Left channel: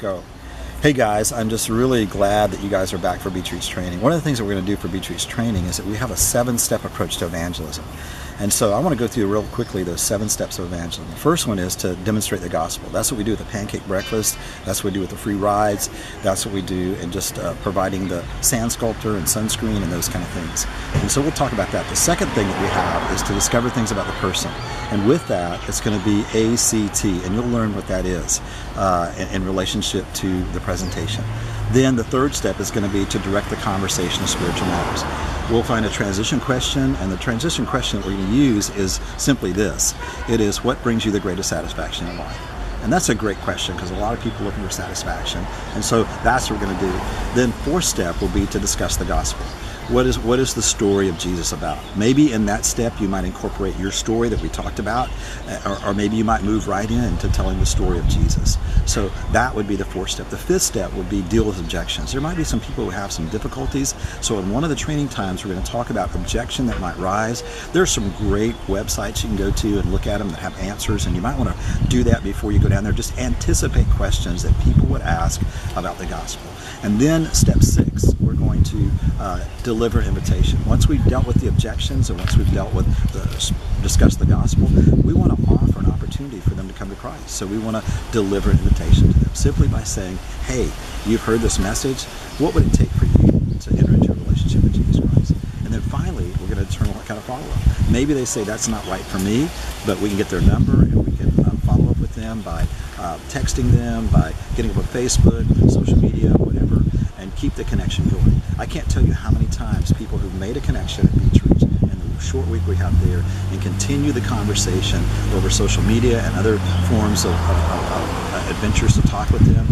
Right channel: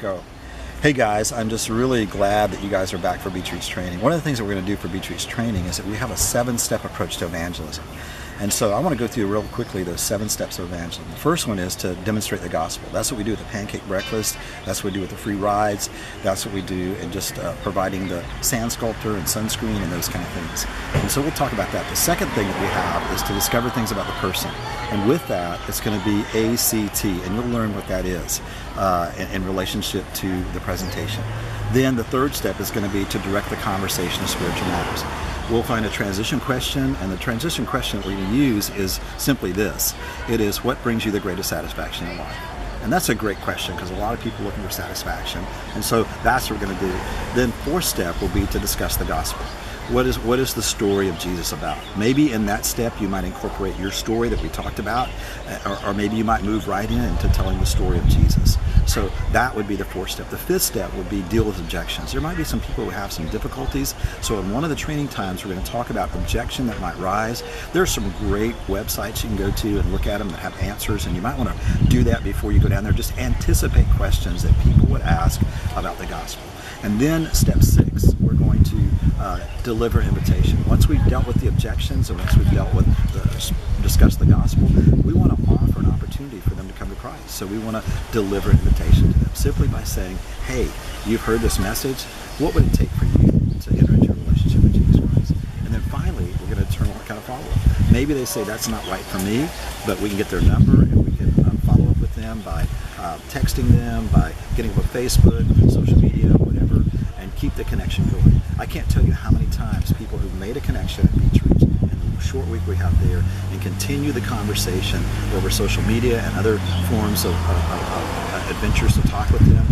Go. Hey guys, I'm just really glad that you guys are back for Beach Reach Training. One of the things that we're going to do for Beach Reach Training is that we have a 7-step approach to evangelism. And so I want to go through real quickly those 7 steps of evangelism. The first one is to demonstrate the gospel. That's what we do with the pancake breakfast. That's what we do with the free rides. That's what we do in just providing the sand sculptor and sunscreen and those kind of things. And so we'll talk about that. The second thing that we have is to discover things about the person. And with that, it's going to be ACT, and you'll learn what that is in relationship to the presentation. Then the third step is going to be to direct the conversation of spiritual matters. We'll find a transition question, and the transition question that we're going to use is simply this. It is, what brings you the greatest satisfaction in life? And that's a great question because a lot of people are looking for satisfaction, and so that's what we're going to do. Then fourth step will be to discuss the gospel. What is the story of Jesus about? Maybe in that step you might incorporate your story that we talked about, or maybe you might move right into telling the story of Jesus. So that would be the fourth step. The fifth step would be deal with objections. There might be some people who have some difficulties, so in one of the training times we're going to talk about objection that might rise. There's some great websites you can go to and look at them that have answers, and you might want to do that before you go down there. Just anticipate questions that people would ask about the gospel. And then step 6, we're going to deliver invitation. Once we've dealt with the objections and once we've dealt with discussed the gospel, we want to offer an opportunity for them to come to Christ. So we want to deliver an invitation to them simply by saying, hey, you've heard this message. What would it take for you to enter into a relationship with Jesus Christ? And then finally, we're going to determine what kind of follow-up. Maybe they say that's not right for me, but we can get their number and we can follow up with them by texting them, by getting up on Facebook, social media, whatever, and keep the connection going. I can't tell you how many times people who've made a connection at Beach Reach and the short week we have there and continue the conversation over social media and other forms of adventures to talk with them,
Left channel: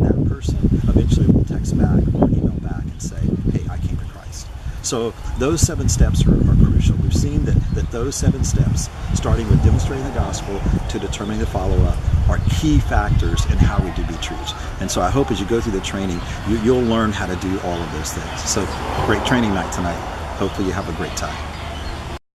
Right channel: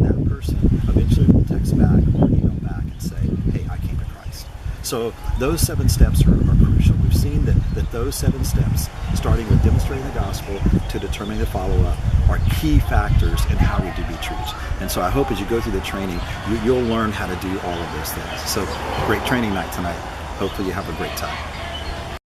that person eventually will text back or email back and say, hey, I came to Christ. So those 7 steps are crucial. We've seen that those 7 steps, starting with demonstrating the gospel to determining the follow-up, are key factors in how we do Beach Reach. And so I hope as you go through the training, you'll learn how to do all of those things. So great training night tonight. Hopefully you have a great time.